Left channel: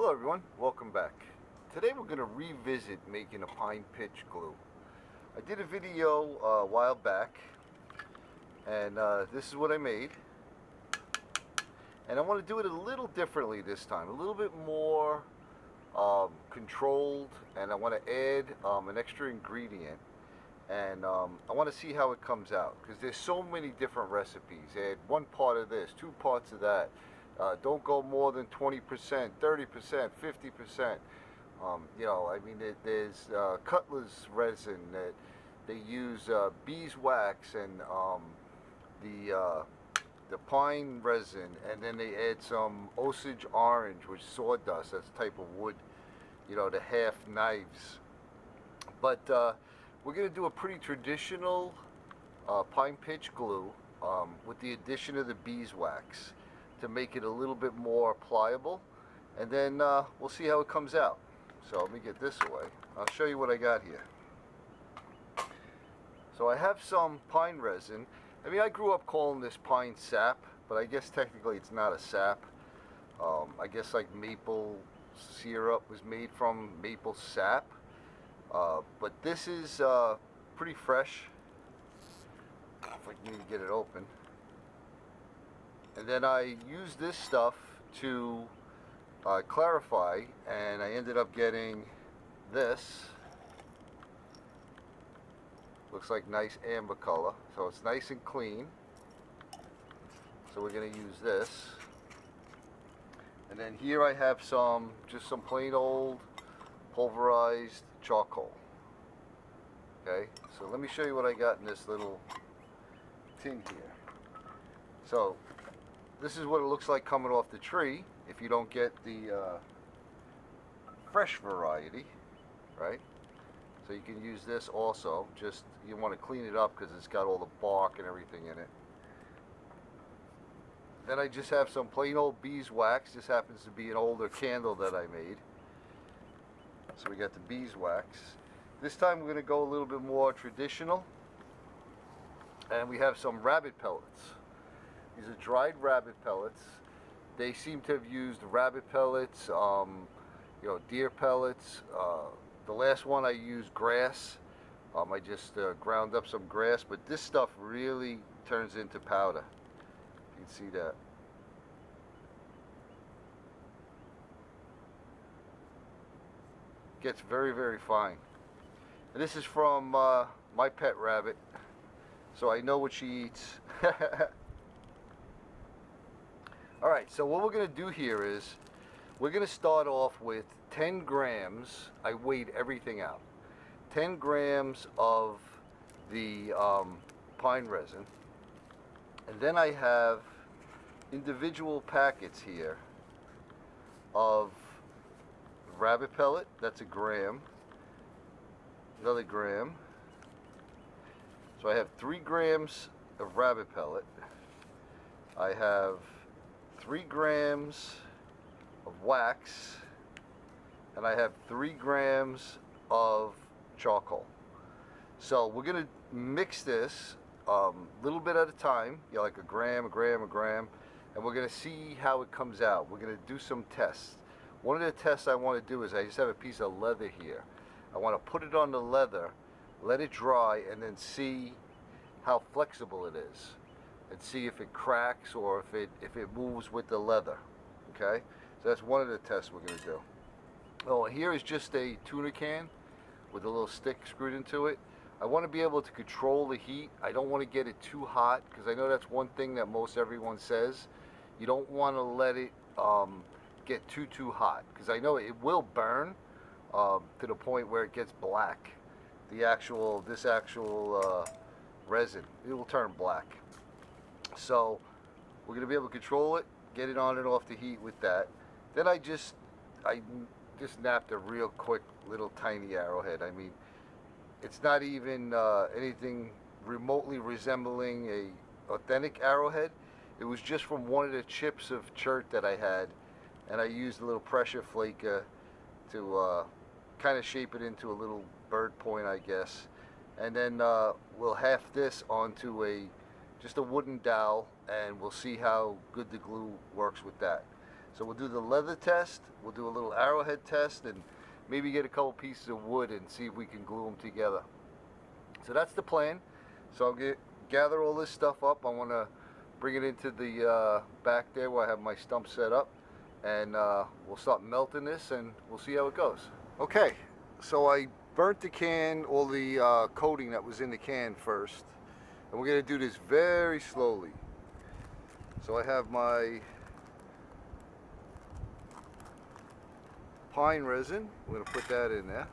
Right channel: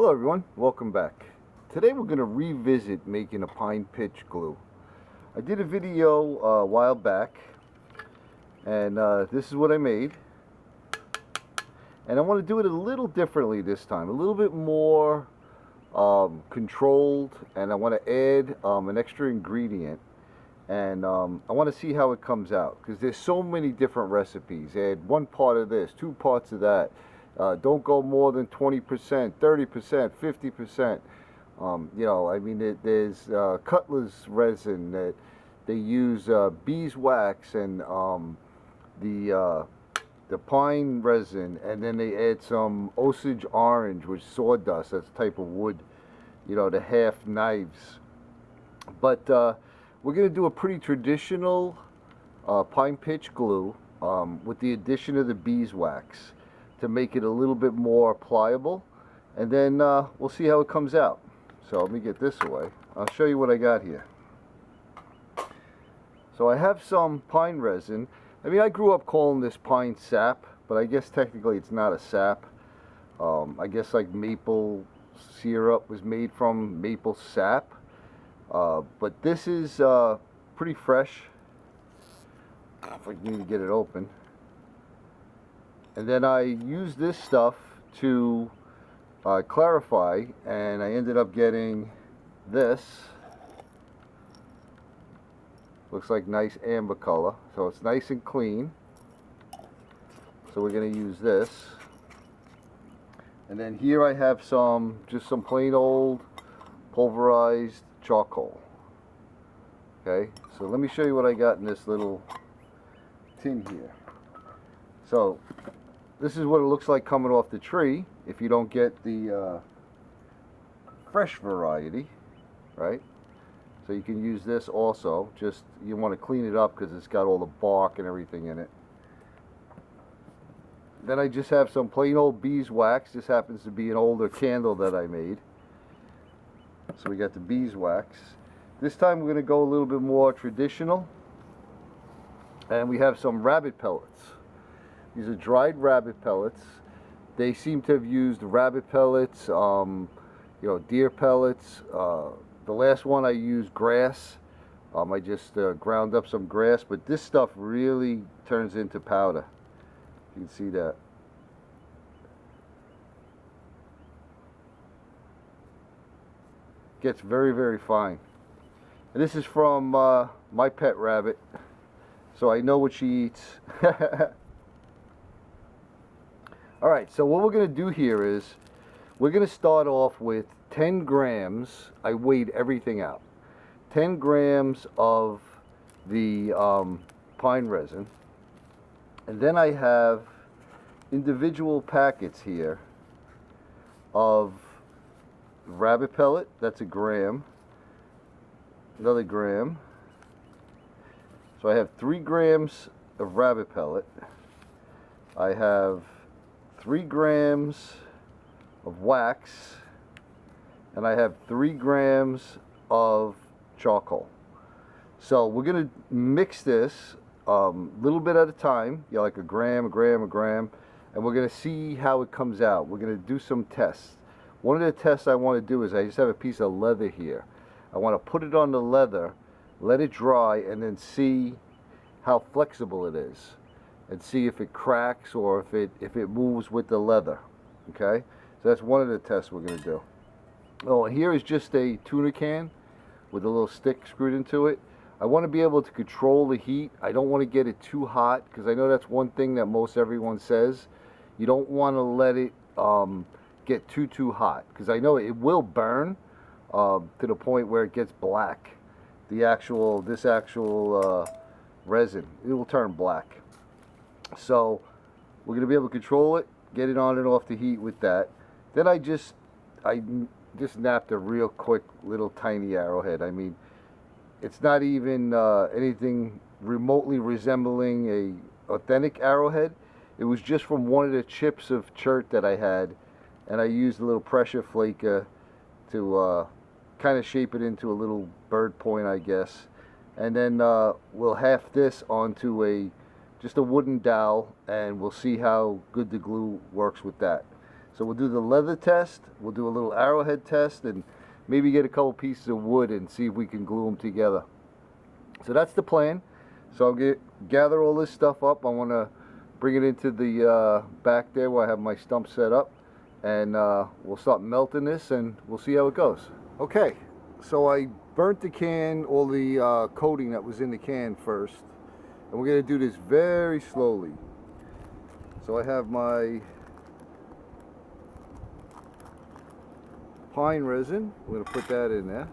Hello everyone, welcome back. Today we're going to revisit making a pine pitch glue. I did a video a while back and this is what I made. And I want to do it a little differently this time, a little bit more controlled, and I want to add an extra ingredient. And I want to see how it comes out because there's so many different recipes. Add one part of this, two parts of that. Don't go more than 20%, 30%, 50%. I mean, there's Cutler's resin that they use beeswax and the pine resin, and then they add some Osage orange, which is sawdust. That's a type of wood, the half knives. But we're going to do a pretty traditional pine pitch glue with the addition of the beeswax to make it a little bit more pliable, and then we'll see how it comes out. So let me get this away. I'll show you what I got here. So I have some pine resin. I mean, I grew up calling this pine sap, but I guess technically it's not a sap. I guess like maple syrup was made from maple sap. But this is pretty fresh. If I can even get it open. And then I used this stuff to clarify, and I ended up getting this. Looks like nice amber color, so it's nice and clean. So we're going to use this. And then here I have just some plain old pulverized charcoal. Okay, so let me show you what I got in this little tin here. So this is what it looks like coming off the tree if you don't get the fresh variety, right? So you can use this also. Just you want to clean it up because it's got all the bark and everything in it. Then I just have some plain old beeswax. This happens to be an older candle that I made. So we got the beeswax. This time we're going to go a little bit more traditional. And we have some rabbit pellets. These are dried rabbit pellets. They seem to have used rabbit pellets, deer pellets. The last one I used grass. I just ground up some grass, but this stuff really turns into powder. You can see that. Gets very, very fine. And this is from my pet rabbit, so I know what she eats. Alright, so what we're going to do here is we're going to start off with 10 grams. I weighed everything out. 10 grams of the pine resin. And then I have individual packets here of rabbit pellet. That's a gram. Another gram. So I have 3 grams of rabbit pellet. I have 3 grams of wax, and I have 3 grams of charcoal. So we're going to mix this little bit at a time, like a gram, a gram, a gram, and we're going to see how it comes out. We're going to do some tests. One of the tests I want to do is I just have a piece of leather here. I want to put it on the leather, let it dry, and then see how flexible it is, and see if it cracks or if it moves with the leather. Okay, so that's one of the tests we're going to do. Oh, here is just a tuna can with a little stick screwed into it. I want to be able to control the heat. I don't want to get it too hot because I know that's one thing that most everyone says. You don't want to let it get too hot because I know it will burn to the point where it gets black. This actual resin, it will turn black. So we're going to be able to control it, get it on and off the heat with that. Then I just napped a real quick little tiny arrowhead. I mean, it's not even anything remotely resembling a authentic arrowhead. It was just from one of the chips of chert that I had, and I used a little pressure flaker to kind of shape it into a little bird point, I guess. And then we'll half this onto just a wooden dowel, and we'll see how good the glue works with that. So we'll do the leather test, we'll do a little arrowhead test, and maybe get a couple pieces of wood and see if we can glue them together. So that's the plan. So I'll gather all this stuff up. I want to bring it into the back there where I have my stump set up, and we'll start melting this and we'll see how it goes. Okay, so I burnt the can, all the coating that was in the can first, and we're going to do this very slowly. So I have my pine resin. We're going to put that in there.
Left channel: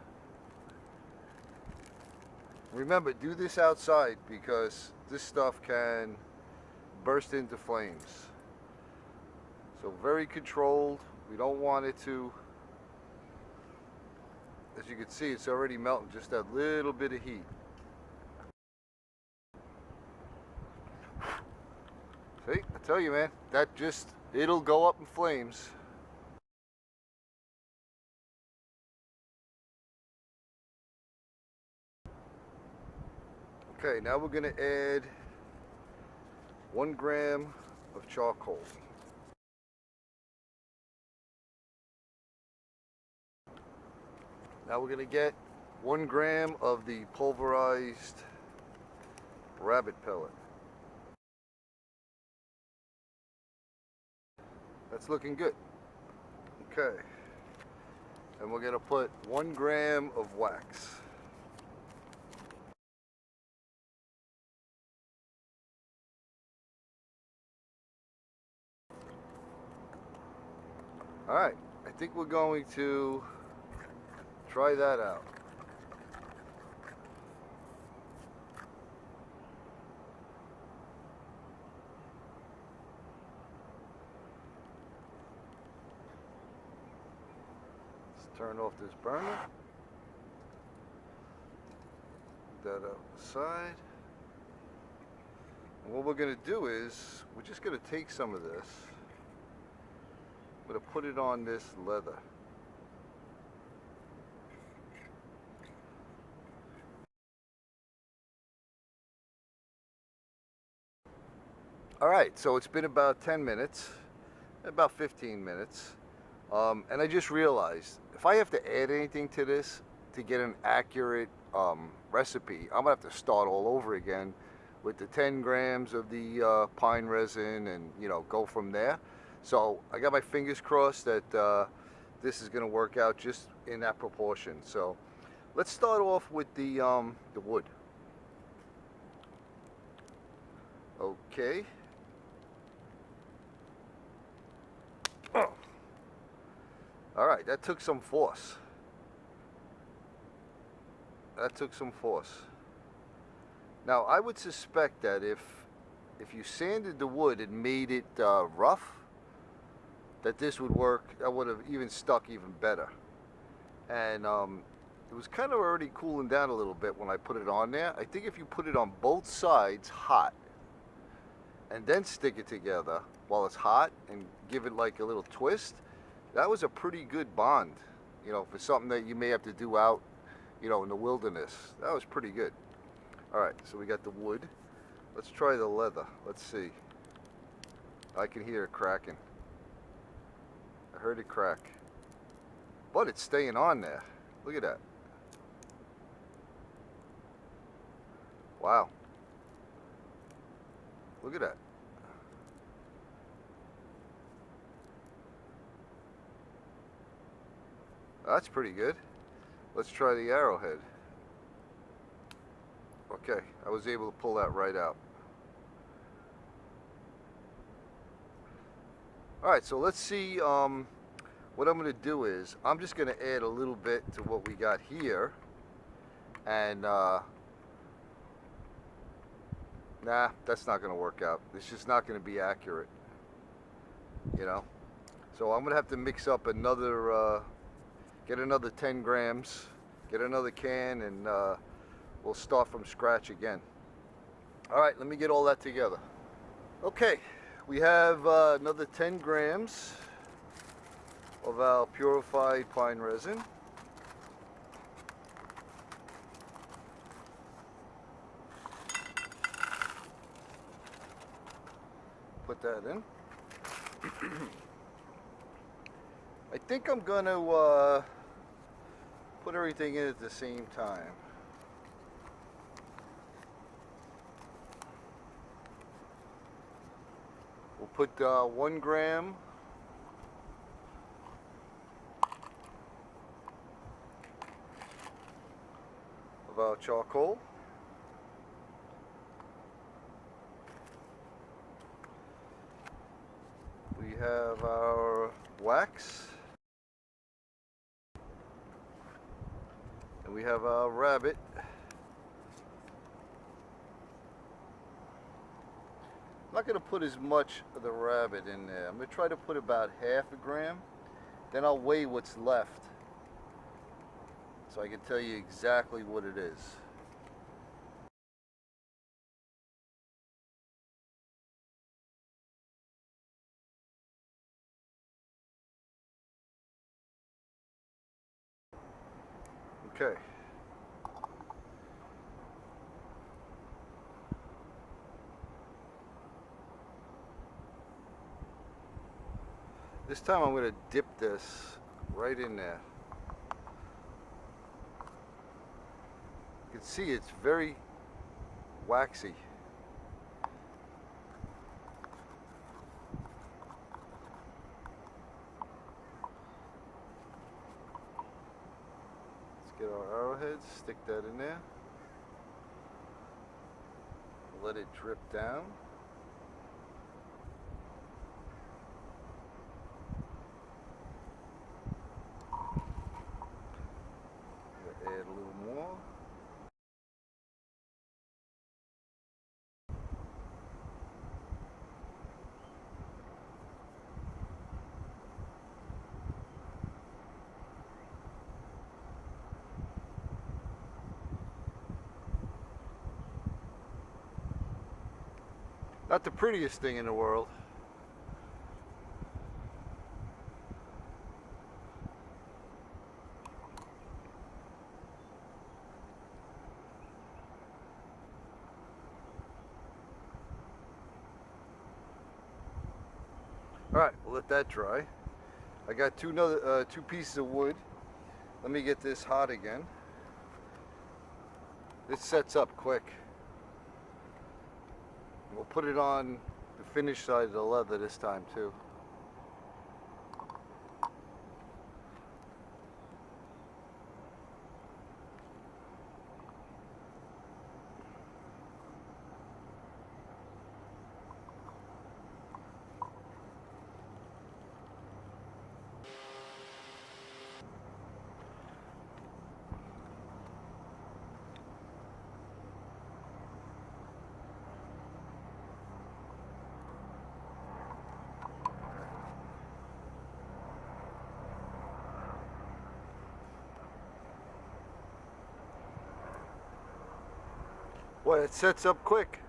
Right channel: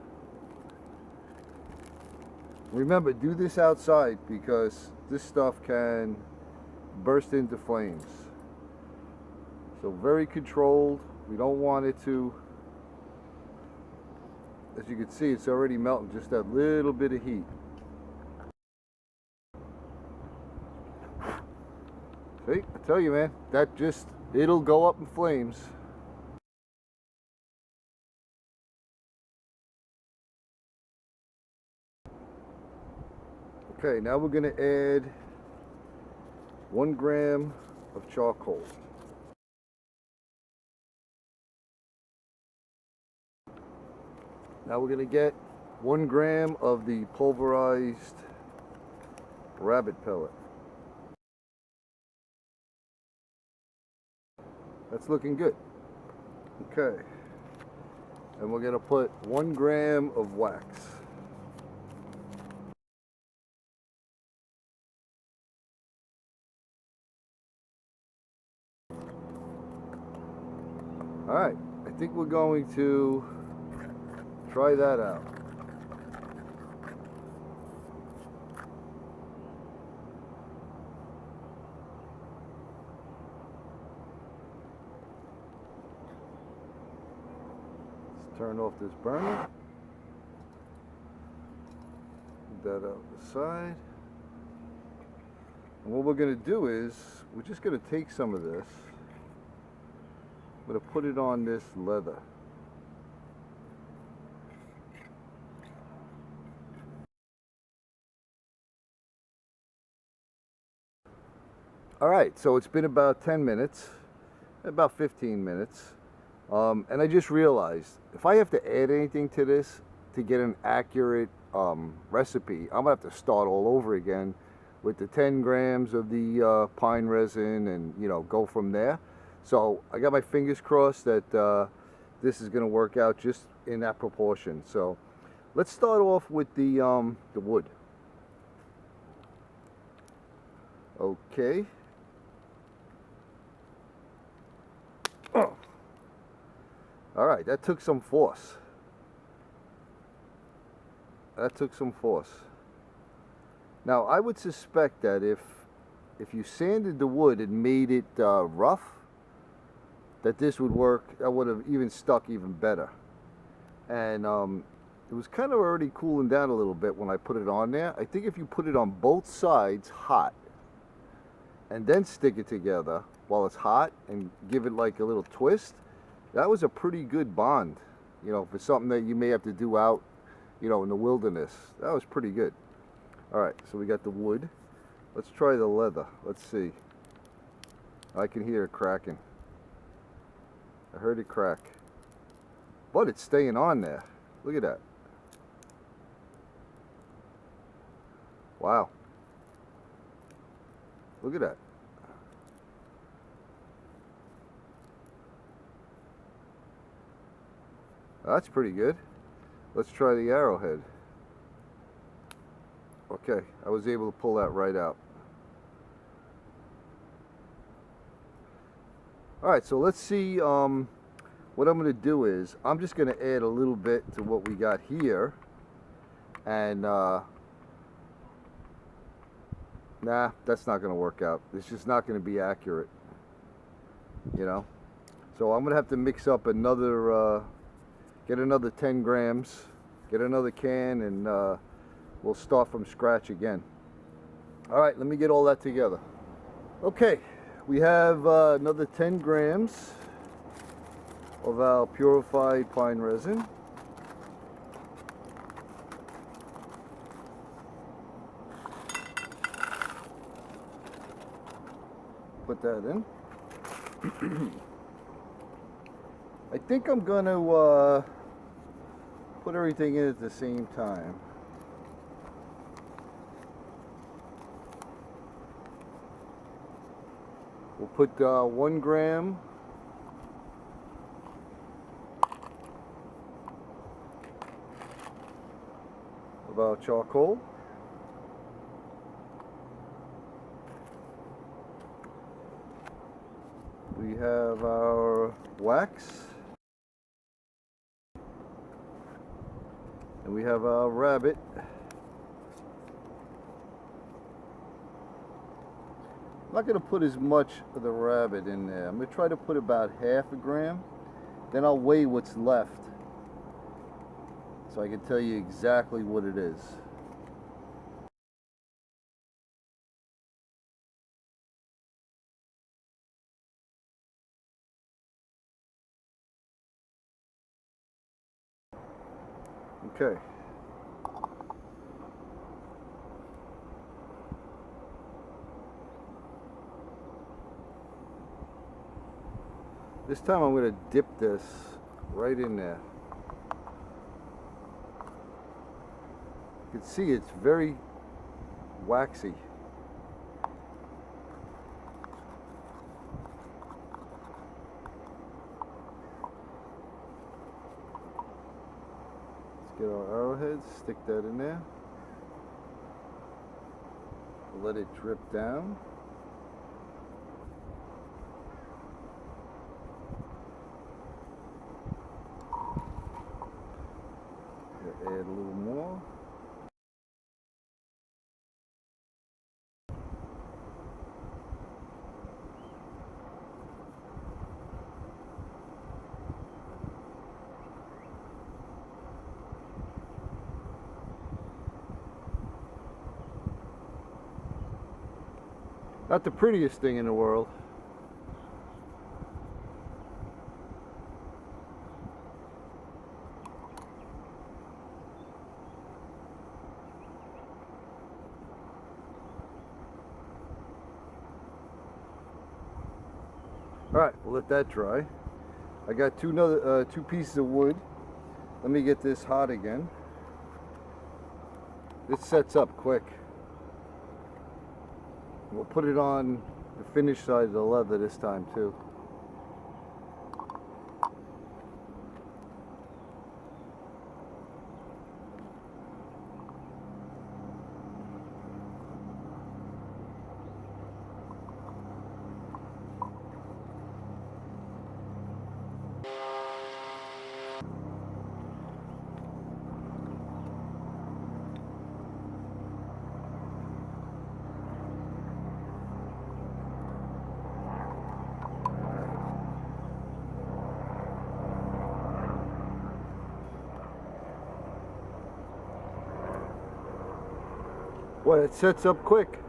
Remember, do this outside because this stuff can burst into flames. So very controlled. We don't want it to, as you can see, it's already melting, just that little bit of heat. See, I tell you, man, that just, it'll go up in flames. Okay, now we're going to add 1 gram of charcoal. Now we're going to get 1 gram of the pulverized rabbit pellet. That's looking good. Okay, and we're going to put 1 gram of wax. All right, I think we're going to try that out. Let's turn off this burner. Move that out the side. And what we're going to do is, we're just going to take some of this. I'm going to put it on this leather. All right, so it's been about 10 minutes, about 15 minutes. And I just realized, if I have to add anything to this to get an accurate recipe, I'm going to have to start all over again with the 10 grams of the pine resin and, you know, go from there. So I got my fingers crossed that this is going to work out just in that proportion. So let's start off with the wood. Okay. Oh. All right, that took some force. That took some force. Now I would suspect that if you sanded the wood and made it rough, that this would work. That would have even stuck even better. And it was kind of already cooling down a little bit when I put it on there. I think if you put it on both sides hot and then stick it together while it's hot and give it like a little twist, that was a pretty good bond, you know, for something that you may have to do out, you know, in the wilderness. That was pretty good. All right, so we got the wood. Let's try the leather. Let's see. I can hear it cracking. I heard it crack. But it's staying on there. Look at that. Wow. Look at that. That's pretty good. Let's try the arrowhead. Okay, I was able to pull that right out. All right, so let's see. What I'm going to do is I'm just going to add a little bit to what we got here, and nah, that's not going to work out. It's just not going to be accurate, you know. So I'm going to have to mix up another, get another 10 grams, get another can, and we'll start from scratch again. All right, let me get all that together. Okay, we have another 10 grams of our purified pine resin. Put that in. I think I'm gonna put everything in at the same time. We'll put 1 gram of our charcoal. We have our wax. And we have our rabbit. I'm not going to put as much of the rabbit in there. I'm going to try to put about half a gram. Then I'll weigh what's left so I can tell you exactly what it is. Okay. This time I'm going to dip this right in there. You can see it's very waxy. Let's get our arrowheads, stick that in there. Let it drip down. Add a little more. Not the prettiest thing in the world. Alright, we'll let that dry. I got two pieces of wood. Let me get this hot again. This sets up quick. We'll put it on the finished side of the leather this time too. Boy, it sets up quick.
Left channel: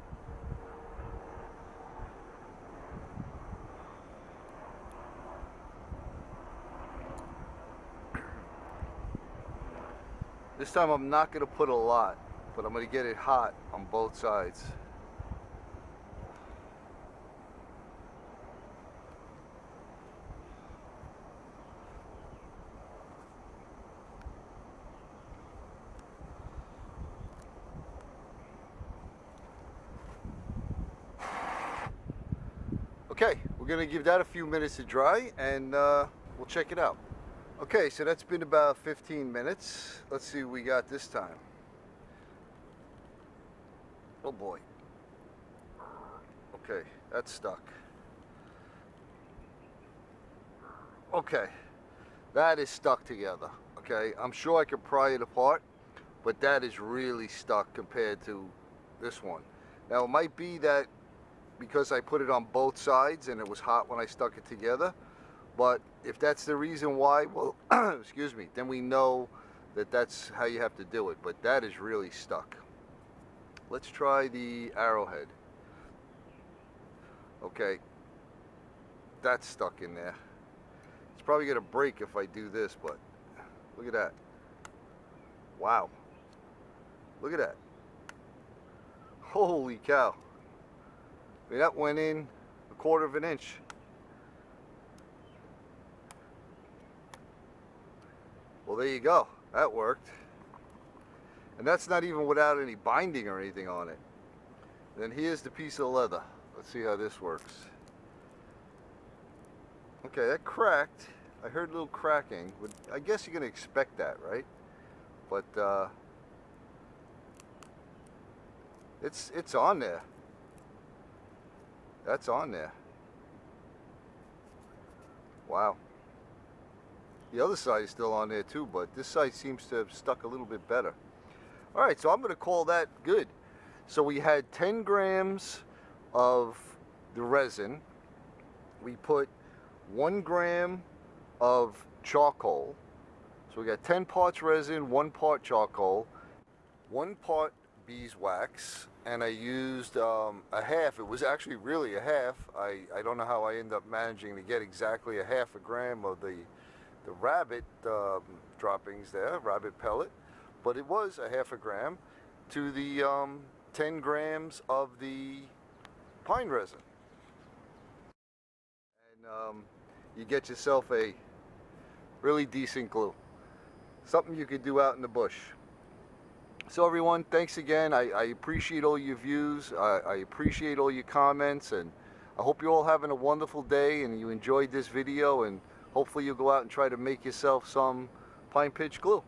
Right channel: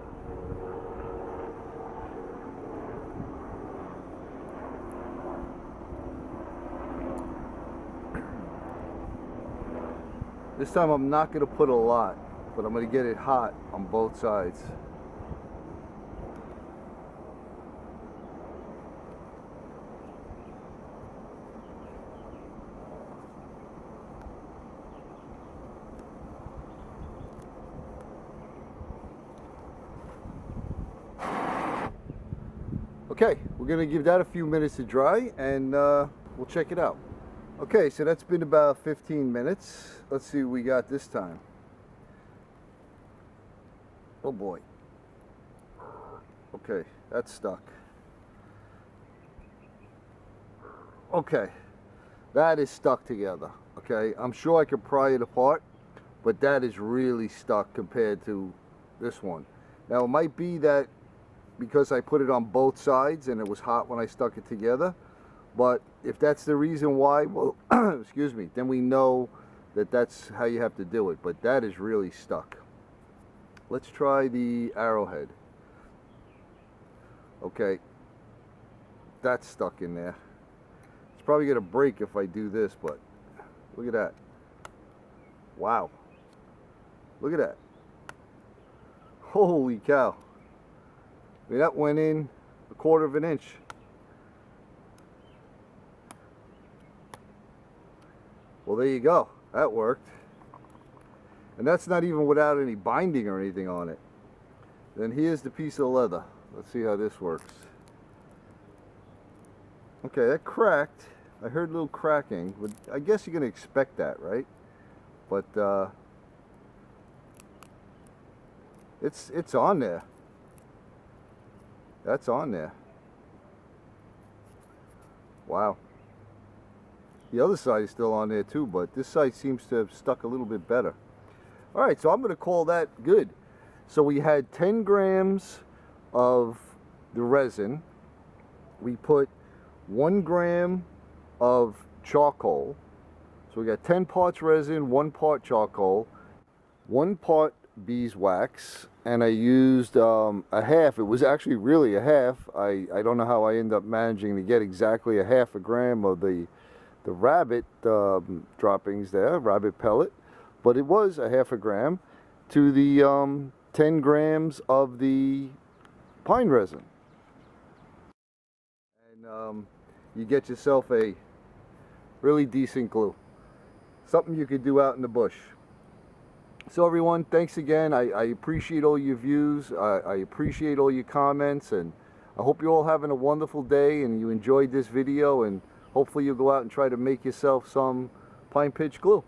This time I'm not going to put a lot, but I'm going to get it hot on both sides. Okay, we're going to give that a few minutes to dry and we'll check it out. Okay, so that's been about 15 minutes. Let's see what we got this time. Oh boy. Okay, that's stuck. Okay, that is stuck together. Okay, I'm sure I could pry it apart, but that is really stuck compared to this one. Now it might be that because I put it on both sides and it was hot when I stuck it together, but if that's the reason why, well, excuse me, then we know that that's how you have to do it. But that is really stuck. Let's try the arrowhead. Okay, that's stuck in there. It's probably gonna break if I do this, but look at that. Wow, look at that. Holy cow. I mean, that went in 1/4 of an inch. there you go. That worked. And that's not even without any binding or anything on it. Then here's the piece of leather. Let's see how this works. Okay, that cracked. I heard a little cracking. I guess you're going to expect that, right? But it's on there. That's on there. Wow. The other side is still on there too, but this side seems to have stuck a little bit better. All right, so I'm going to call that good. So we had 10 grams of the resin. We put 1 gram of charcoal. So we got 10 parts resin, 1 part charcoal, 1 part beeswax, and I used a half. It was actually really a half. I don't know how I ended up managing to get exactly a half a gram of the rabbit droppings there, rabbit pellet, but it was a half a gram to the 10 grams of the pine resin. And you get yourself a really decent glue. Something you could do out in the bush. So everyone, thanks again. I appreciate all your views. I appreciate all your comments, and I hope you're all having a wonderful day and you enjoyed this video, and hopefully you'll go out and try to make yourself some pine pitch glue.